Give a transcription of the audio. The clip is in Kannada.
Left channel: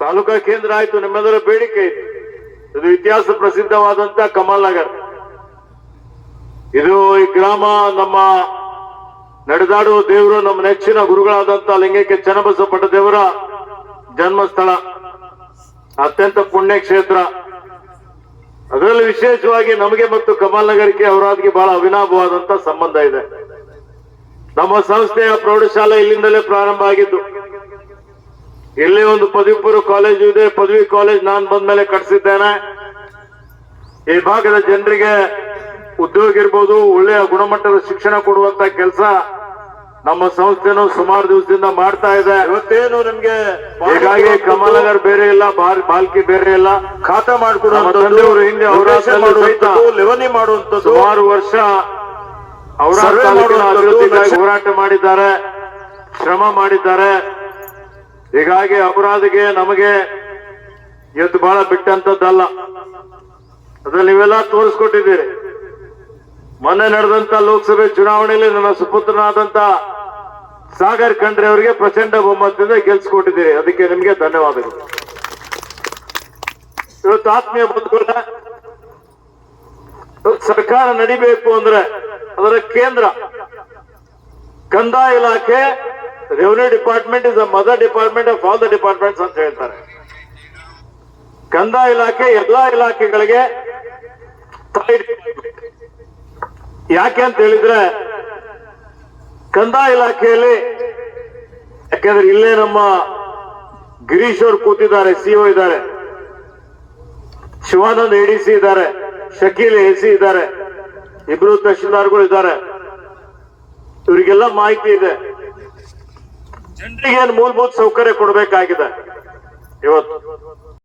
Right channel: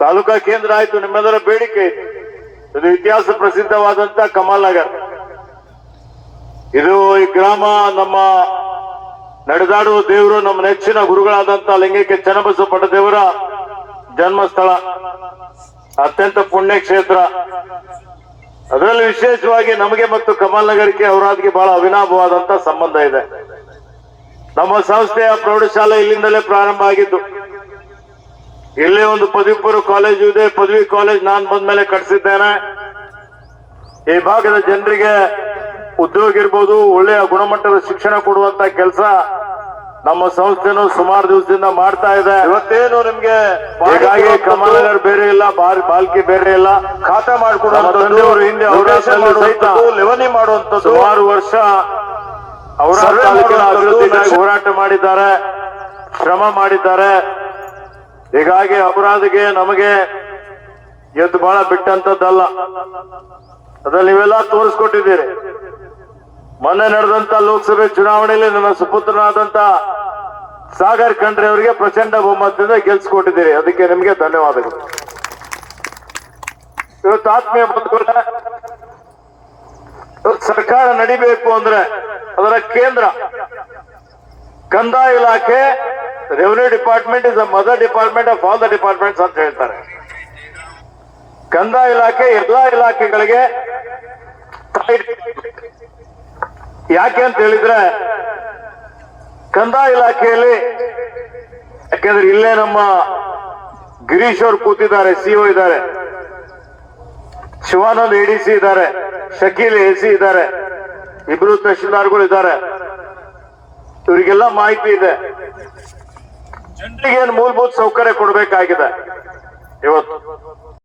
ತಾಲೂಕಾ ಕೇಂದ್ರ ಆಯ್ತು, ನಿಮ್ಮೆಲ್ಲರ ಬೇಡಿಕೆ ಇತ್ತು ಇದು ಇತಿಹಾಸ ಪ್ರಸಿದ್ಧವಾದಂತ ಕಮಲ್ ನಗರ್. ಇದು ಈ ಗ್ರಾಮ ನಮ್ಮ ನಡೆದಾಡುವ ದೇವರು, ನಮ್ಮ ನೆಚ್ಚಿನ ಗುರುಗಳಾದಂತ ಲಿಂಗಕ್ಕೆ ಚನ್ನಬಸಪಟ್ಟ ದೇವರ ಜನ್ಮಸ್ಥಳ. ಅತ್ಯಂತ ಪುಣ್ಯ ಕ್ಷೇತ್ರ ಅದರಲ್ಲಿ ವಿಶೇಷವಾಗಿ ನಮಗೆ ಮತ್ತು ಕಮಲ್ ನಗರಕ್ಕೆ ಅವರಾದ್ಗೆ ಬಹಳ ಅವಿನಾಭವಾದಂತ ಸಂಬಂಧ ಇದೆ. ನಮ್ಮ ಸಂಸ್ಥೆಯ ಪ್ರೌಢಶಾಲೆ ಇಲ್ಲಿಂದಲೇ ಪ್ರಾರಂಭ ಆಗಿದ್ದು. ಇಲ್ಲೇ ಒಂದು ಪದವಿ ಪೂರ್ವ ಕಾಲೇಜು ಇದೆ. ಪದವಿ ಕಾಲೇಜ್ ನಾನು ಬಂದ್ಮೇಲೆ ಕಟ್ಸಿದ್ದೇನೆ. ಈ ಭಾಗದ ಜನರಿಗೆ ಉದ್ಯೋಗ ಇರ್ಬೋದು ಒಳ್ಳೆಯ ಗುಣಮಟ್ಟದ ಶಿಕ್ಷಣ ಕೊಡುವಂತ ಕೆಲಸ ನಮ್ಮ ಸಂಸ್ಥೆನು ಸುಮಾರು ದಿವಸದಿಂದ ಮಾಡ್ತಾ ಇದೆ. ಇವತ್ತೇನು ನಿಮ್ಗೆ ಹೀಗಾಗಿ ಕಮಲನಗರ್ ಬೇರೆ ಇಲ್ಲ ಬಾರ್ ಬಾಲ್ಕಿ ಬೇರೆ ಇಲ್ಲ. ಖಾತೆ ಮಾಡ್ಕೊಂಡು ಅವರು ತಂದೆಯವರು ಹಿಂದೆ ರೊಟೇಷನ್ ಅವರ ಸಹಿತ ಲೆವನಿ ಮಾಡುವಂತದ್ದು? ಸುಮಾರು ವರ್ಷ ಅವರ ಹೋರಾಟ ಮಾಡಿದ್ದಾರೆ ಶ್ರಮ ಮಾಡಿದ್ದಾರೆ. ಹೀಗಾಗಿ ಅಪರಾಧಿಗೆ ನಮಗೆ ಇವತ್ತು ಬಹಳ ಬಿಟ್ಟಂತದ್ದಲ್ಲ ಅದ್ರಲ್ಲಿ ನೀವೆಲ್ಲ ತೋರಿಸ್ಕೊಟ್ಟಿದ್ದೀರಿ. ಮೊನ್ನೆ ನಡೆದಂತ ಲೋಕಸಭೆ ಚುನಾವಣೆಯಲ್ಲಿ ನನ್ನ ಸುಪುತ್ರನಾದಂತ ಸಾಗರ್ ಖಂಡ್ರೆ ಅವರಿಗೆ ಪ್ರಚಂಡ ಬಹುಮತದಿಂದ ಗೆಲ್ಸ್ಕೊಟ್ಟಿದ್ದೀರಿ. ಅದಕ್ಕೆ ನಿಮಗೆ ಧನ್ಯವಾದಗಳು. ಇವತ್ತು ಆತ್ಮೀಯ ಇವತ್ತು ಸರ್ಕಾರ ನಡಿಬೇಕು ಅಂದ್ರೆ ಅದರ ಕೇಂದ್ರ ಕಂದಾಯ ಇಲಾಖೆ revenue department is the mother department of all the departments ಅಂತ ಹೇಳ್ತಾರೆ. ಕಂದಾಯ ಇಲಾಖೆ, ಎಲ್ಲಾ ಇಲಾಖೆಗಳಿಗೆ ಯಾಕೆ ಅಂತ ಹೇಳಿದ್ರೆ ಕಂದಾಯ ಇಲಾಖೆಯಲ್ಲಿ, ಯಾಕಂದ್ರೆ ಇಲ್ಲೇ ನಮ್ಮ ಗಿರೀಶ್ ಅವರು ಕೂತಿದ್ದಾರೆ ಸಿಒ ಇದ್ದಾರೆ. ಶಿವಾನಂದ್ ಎಡಿಸಿ ಇದ್ದಾರೆ, ಶಕೀಲ್ ಎಸಿ ಇದ್ದಾರೆ, ಇಬ್ರು ತಹಶೀಲ್ದಾರ್ಗಳು ಇದ್ದಾರೆ. ಇವರಿಗೆಲ್ಲ ಮಾಹಿತಿ ಇದೆ. ಜನರಿಗೆ ಏನು ಮೂಲಭೂತ ಸೌಕರ್ಯ ಕೊಡಬೇಕಾಗಿದೆ? ಇವತ್ತು